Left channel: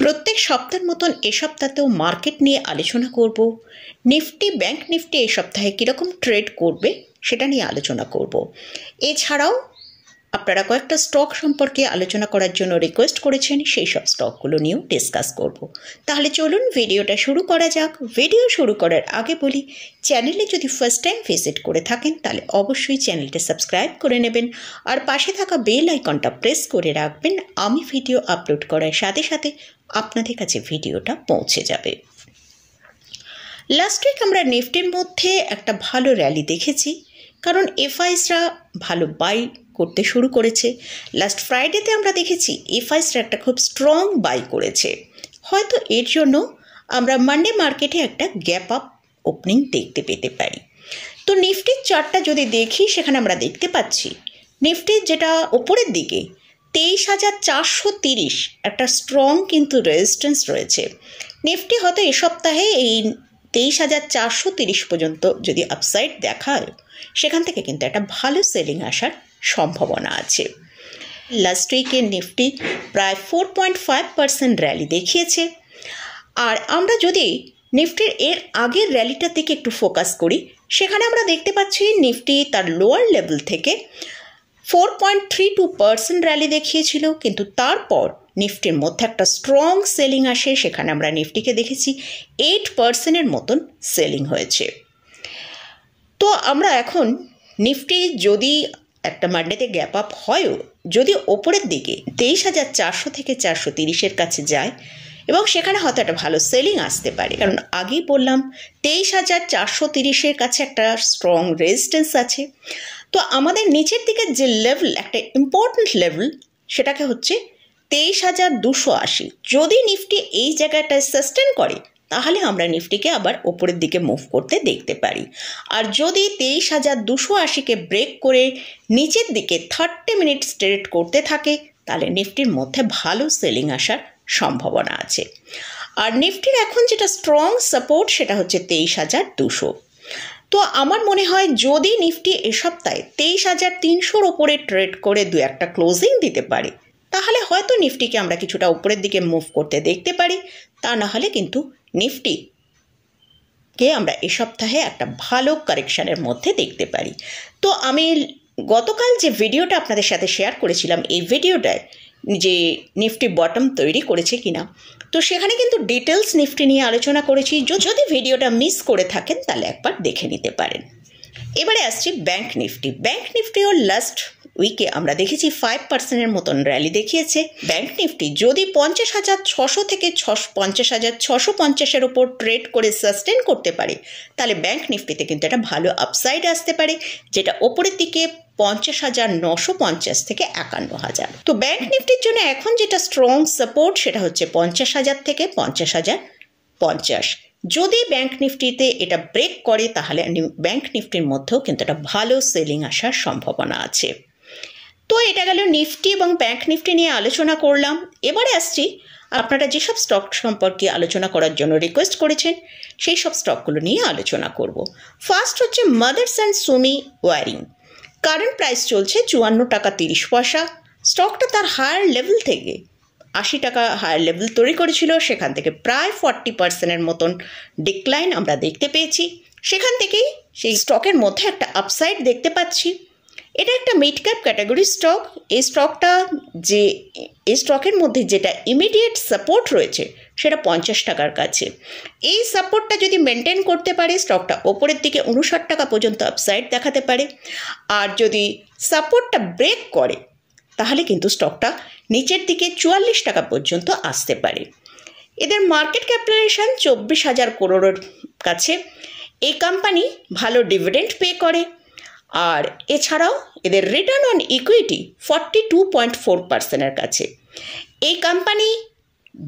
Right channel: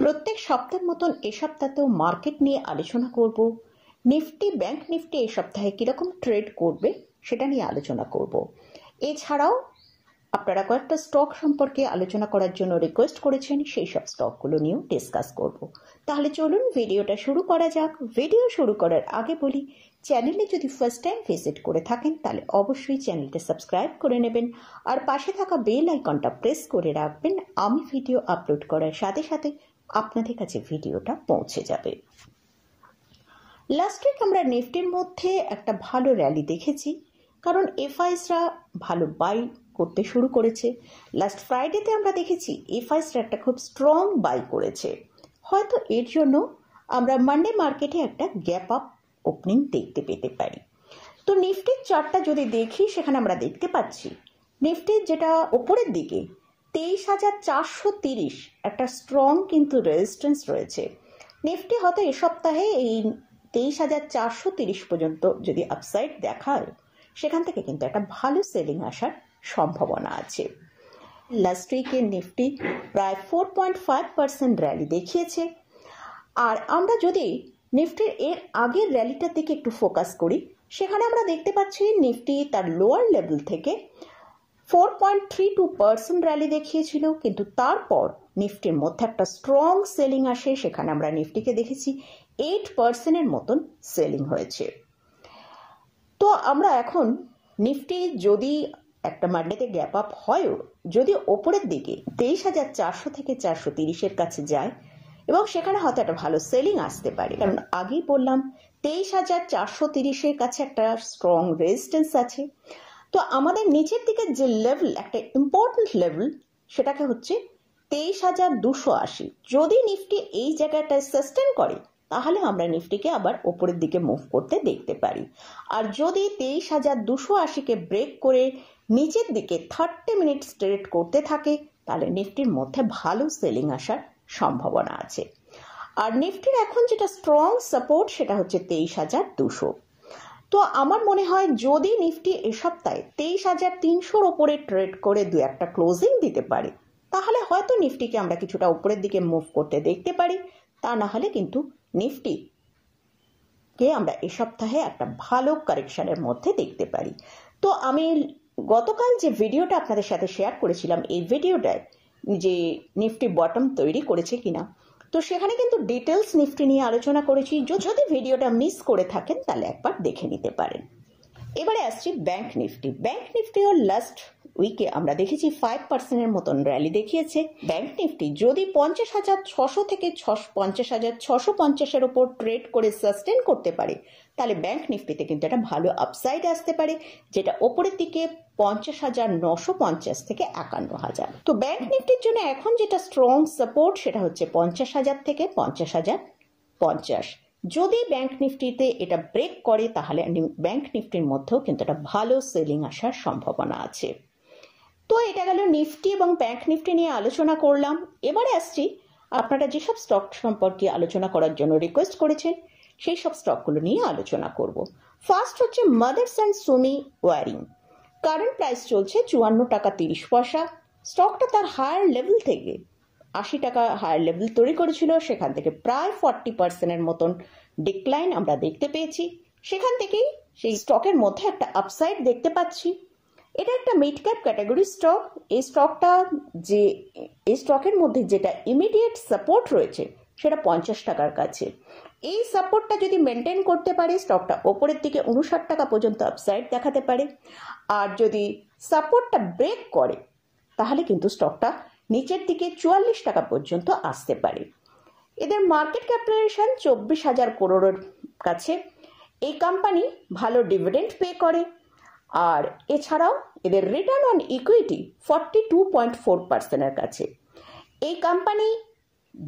প্রত্যেক সপ্তাহের মতন এ সপ্তাহেও মার্কেট নিয়ে আলোচনা করব। নিফটি ব্যাংক নিফটি এই সপ্তাহে কীরকম ট্রেড করবে সেটা নিয়ে আলোচনা করব। এছাড়াও আপনারা কয়েকটা স্টক সম্পর্কে আলোচনা করার জন্য রিকোয়েস্ট করেছেন, সেই সব স্টকগুলো নিয়েও ডিসকাস করব। তাহলে চলুন ভিডিওটা শুরু করা যাক। ভিডিও শুরু করার আগে বলি, চ্যানেলে যদি ফার্স্ট টাইম ভিজিট করে থাকেন তাহলে অবশ্যই চ্যানেলটা সাবস্ক্রাইব করে নেবেন আর পাশে থাকা বেল আইকনটা প্রেস করে রাখবেন। আমি ভিডিও আপলোড করার সাথে সাথে আপনাদের কাছে ভিডিওটা পৌঁছে যাবে। লাস্ট উইক আমরা নিফটির মধ্যে একটা ভালো র্যালি দেখেছি, কারণ এফআইসরা ভালো বাই করতে শুরু করেছে। লাস্ট ফ্রাইডেতে আমরা দেখেছি এফআইসরা একটা খুব স্ট্রং বাই করেছে। হয়তো এর জন্য আমরা মানডে মার্কেটে একটা গ্যাপ আপ ওপেনিং দেখতে পেতে পারি। তো নিফটির চার্টটা যদি দেখি, সেখানে আমরা দেখতে পাচ্ছি নিফটির যেটা ওপরের দিকে 23,430 একটা স্ট্রং কিন্তু রেজিস্ট্যান্স রয়েছে। নিফটি হয়তো এ সপ্তাহে এই 23,430 পর্যন্ত যদি আপসাইড দেখায়, সেখান থেকে কিন্তু একটা ভালো সেলিং আসার সম্ভাবনা আছে। লাস্ট উইকে নিফটি প্রায় 4.5% র্যালি দেখিয়েছে। আর আমরা যদি নিফটির এর আগের র্যালিটার দিকে একটু ফোকাস করি, সেখানে আমরা দেখতে পাচ্ছি নিফটি তার লোয়ার লেভেল থেকে 4.32% র্যালি দেখিয়েছিল, কিন্তু তারপর নিফটির মধ্যে একটা স্ট্রং সেলিং আসে। সেখানে আমরা নিফটিকে দেখেছি 8%-এর মতন সেলিং হয়েছে। তো আমরা এখন নিফটি যদি একটা মান্ডেতে গ্যাপ আপ হয়ও, যদি ওপরের দিকে 23,400 থেকে 430-এর কাছে যায় এবং সেখানে হয়তো একটা ভালো সেলিং আসতে পারে, কারণ আগেই বললাম 23,430-এর কাছে একটা স্ট্রং রেজিস্ট্যান্স আছে। তো আমাদের নিচের দিকে যে লেভেল, একটা ইম্পর্ট্যান্ট লেভেল, সেটাকে হচ্ছে 23,280। যদি নিফটি এই জায়গাটায় সাস্টেন করে, তাহলে আমরা নিফটিকে আবার ওপরের দিকে মুভ করতে দেখতে পারি। আর যদি 23,280-কে ব্রেক করে নিচের দিকে 30 মিনিট ট্রেড করতে থাকে, তাহলে নিফটির মধ্যে ভালো সেলিং আসার সম্ভাবনা আছে। আর নিফটির এখন যেটা স্ট্রং সাপোর্ট, সেটা হচ্ছে 23,200। তো আমার মনে হয় যদি নিফটি এ সপ্তাহে 23,300-র ওপরে ট্রেড করে দু একটা ক্লোজিং দিতে পারে, তাহলে হয়তো নিফটিকে আমরা কিছুটা উপরের দিকে মুভ করতে দেখতে পারি। তা না হলে কিন্তু নিফটিকে আমরা এ সপ্তাহে একটা ভালো কারেকশানের মধ্যে দেখতে পারি। তো আমি গতকাল যে ভিডিওটা আপনাদের সাথে শেয়ার করেছিলাম, এই ভিডিওটায় যে নিফটি বটম তৈরি করেছে কিনা, তো সেখানে কিন্তু ডিটেলস নিফটি নিয়ে আলোচনা করেছি। যদি ভিডিওটা মিস করে থাকেন তাহলে একবার দেখে নিতে পারেন। এবারে আসছি ব্যাংক নিফটি। ব্যাংক নিফটিও লাস্ট উইকে আমরা দেখেছি 5%-এর মতন র্যালি দেখিয়েছে। ব্যাংক নিফটি যদি 50,600 থেকে 50,650-এর ওপর ট্রেড করে সাস্টেন করতে পারে, তাহলে ব্যাংক নিফটিতে কিন্তু একটা ভালো আপসাইড আসতে পারে, যেটা ওপরের দিকে 50,950 থেকে 51,000। তো ব্যাংক নিফটির জন্য এখন যেটা স্ট্রং সাপোর্ট, সেটা হচ্ছে 50,000 থেকে 50,050। যদি ব্যাংক নিফটিতে এটা ব্রেক করে, তাহলে ব্যাংক নিফটির মধ্যেও কিন্তু একটা ভালো সেলিং আসার সম্ভাবনা আছে। তো এটা গেল নিফটি এবং ব্যাংক নিফটি নিয়ে আলোচনা করলাম। এবারে আসছি আপনারা যেসব স্টক সম্পর্কে আলোচনা করার জন্য রিকোয়েস্ট করেছেন, সেই সব স্টকগুলো নিয়ে আলোচনা করব। ফার্স্ট হচ্ছে Motherson Sumi wiring. Current price চলছে 54 টাকা 30 পয়সা। স্টকটা তার হায়ার লেভেল থেকে 80 টাকা হায়ার লেভেল তৈরি করেছিল, সেখান থেকে প্রায় 40%-এর মতন ডিক্লাইন আমরা দেখতে পেয়েছি। সেখান থেকেই সেই স্টকের মধ্যে একটা আপসাইড দেখতে পাচ্ছি। এটা একটা মিড ক্যাপ ক্যাটাগরি স্টক। এই স্টকের মধ্যে যেটা ইমিডিয়েট সাপোর্ট রয়েছে, সেটা 50 টাকার কাছে। এই সাপোর্টটা যদি মেনটেন করতে পারে, স্টকটা ওপরের দিকে 59 টাকা পর্যন্ত আপসাইড দেখাতে পারে। আর যদি সাপোর্টটা ব্রেক করে, তাহলে কিন্তু স্টকটা নিচের দিকে 44 টাকা পর্যন্ত আসতে পারে। এদের মার্কেট ক্যাপিটালাইজেশন 24,000 করোড়ের কাছে। এই কোম্পানি ভালো ডিভিডেন্ড পে করে। আর এছাড়াও এদের রিটার্ন অন ইকুইটি 42.4%-এর কাছে। এই কোম্পানি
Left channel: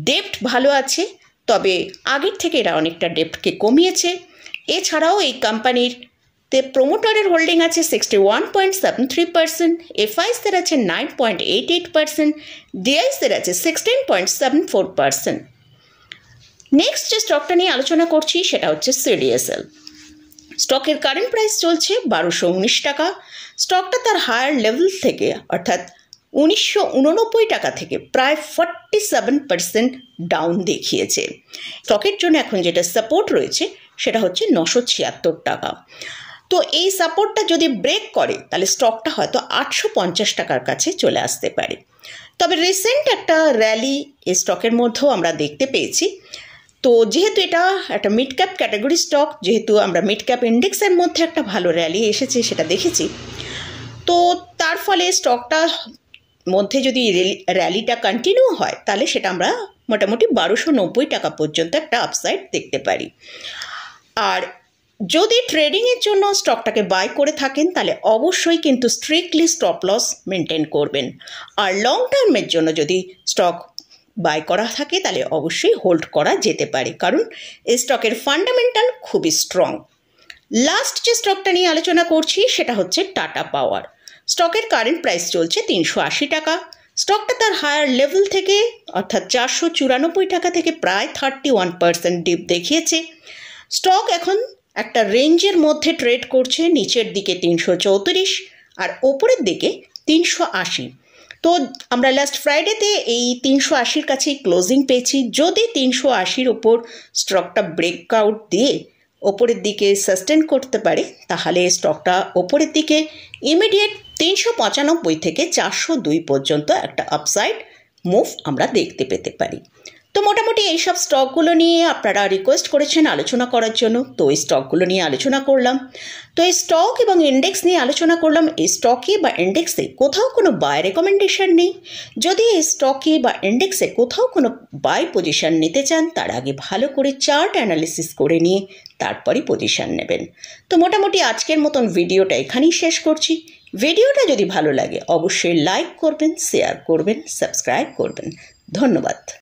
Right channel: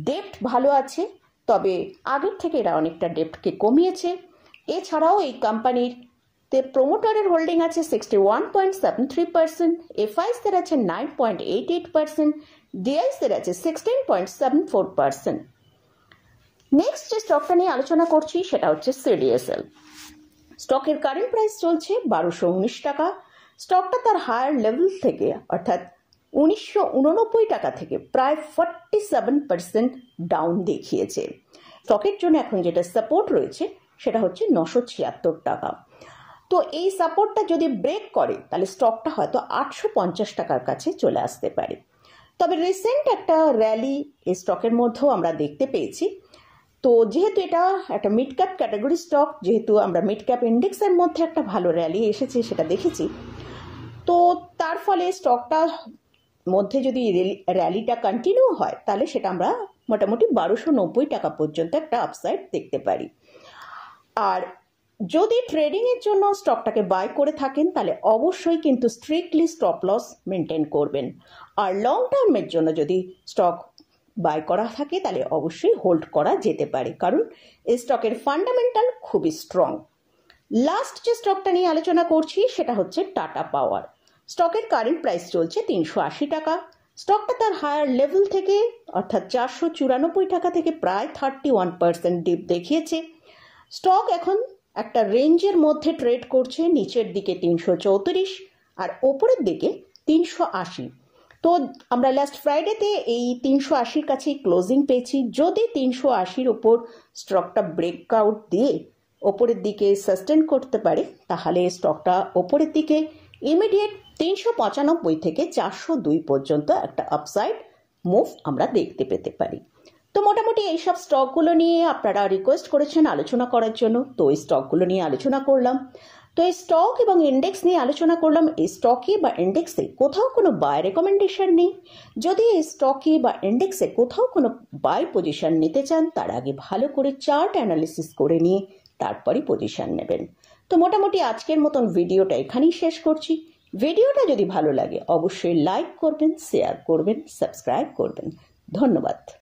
ডেপ্ট ভালো আছে, তবে আগের থেকে এরা অনেকটা ডেপ্টকে কমিয়েছে। এছাড়াও এই কোম্পানির প্রোমোটারের হোল্ডিং আছে 61.73%, এফআইসদের আছে 9.88%, ডিআইসদের আছে 16.74%। নেক্সট যে স্টকটা নিয়ে আলোচনা করছি, সেটা হচ্ছে সিডিএসএল। স্টকের কারেন্ট প্রাইস চলছে 1219 টাকা। স্টকটা তার হায়ার লেভেল থেকে, অর্থাৎ 1989 টাকা থেকে প্রায় 47% ডাউন দেখিয়েছে। স্টকের জন্য এখন যেটা সাপোর্ট রয়েছে সেটা হচ্ছে 976 টাকা। তো এই সাপোর্টটা যদি ব্রেক করে তাহলে স্টকটা হয়তো 850 টাকার কাছে চলে আসতে পারে। তবে রিসেন্ট একটা র্যালি এই স্টকের মধ্যেও আমরা দেখতে পেয়েছি। তো যেহেতু এটা একটা মিড ক্যাপ ক্যাটাগরি স্টক, যেহেতু আমরা মিড ক্যাপ ইন্ডেক্সের মধ্যে একটা ভালো র্যালি এসেছে সেটা দেখেছি, তো তার ফলে স্টকটা মধ্যে যদি র্যালিটা কন্টিনিউ হয় তাহলে সেটা আমরা মোটামুটি 1290 টাকা পর্যন্ত একটা আপসাইড দেখতে পারি। আর যদি ট্রেডিংয়ের জন্য স্টকটাকে বাই করে থাকেন তাহলে অবশ্যই কিন্তু স্ট্রিক্টলি স্টপ লস মেনটেন করবেন। আর লং টার্মের জন্য যদি স্টক বাই করা থাকে তাহলে অবশ্যই হোল্ড করা যেতে পারে, কারণ এই স্টকের ফান্ডামেন্টাল খুবই স্ট্রং। লাস্ট যে স্টকটা নিয়ে আলোচনা করছি সেটা হচ্ছে টাটা পাওয়ার। স্টকের কারেন্ট প্রাইস চলছে 380 টাকা। স্টকটা তার হায়ার লেভেল থেকে অর্থাৎ 494 টাকা থেকে প্রায় 31% ডিপ দেখিয়েছে। স্টক এখন একটা রেঞ্জের মধ্যে ট্রেড করছে, নিচের দিকে 334 আর ওপরের দিকে 380। তো আমরা লাস্ট ফ্রাইডেতে এই 380-র কাছেই ক্লোজিং পেয়েছি। যদি 380-র ওপর স্টকটা ব্রেকআউট দিয়ে ওপরের দিকে সাস্টেন করতে পারে তাহলে স্টকটা ওপরের দিকে ইমিডিয়েট 395 থেকে 402 পর্যন্ত একটা আপসাইড মুভ আমরা দেখতে পেতে পারি। তো মোটামুটি এইসব স্টকগুলো নিয়ে আপনারা রিকোয়েস্ট করেছেন আলোচনা করার জন্য, তো এই স্টকগুলো নিয়ে আলোচনা করলাম। তো এই স্টক এবং ইন্ডেক্স নিয়ে আলোচনা করলাম। এই স্টকে বা ইন্ডেক্সে কোথাও কোনো বাই রেকমেন্ডেশন নেই। যদি এই স্টকে বা ইন্ডেক্সে কোথাও কোনো বাই পজিশন নিতে চান তার আগে ভালো করে চার্ট অ্যানালিসিস করে নিয়ে তারপরই পজিশন নেবেন। তো মোটামুটি আজকের মতন ভিডিওটা এখানেই শেষ করছি। ভিডিওটা যদি ভালো লাগে অবশ্যই লাইক করবেন, শেয়ার করবেন, সাবস্ক্রাইব করবেন। ধন্যবাদ।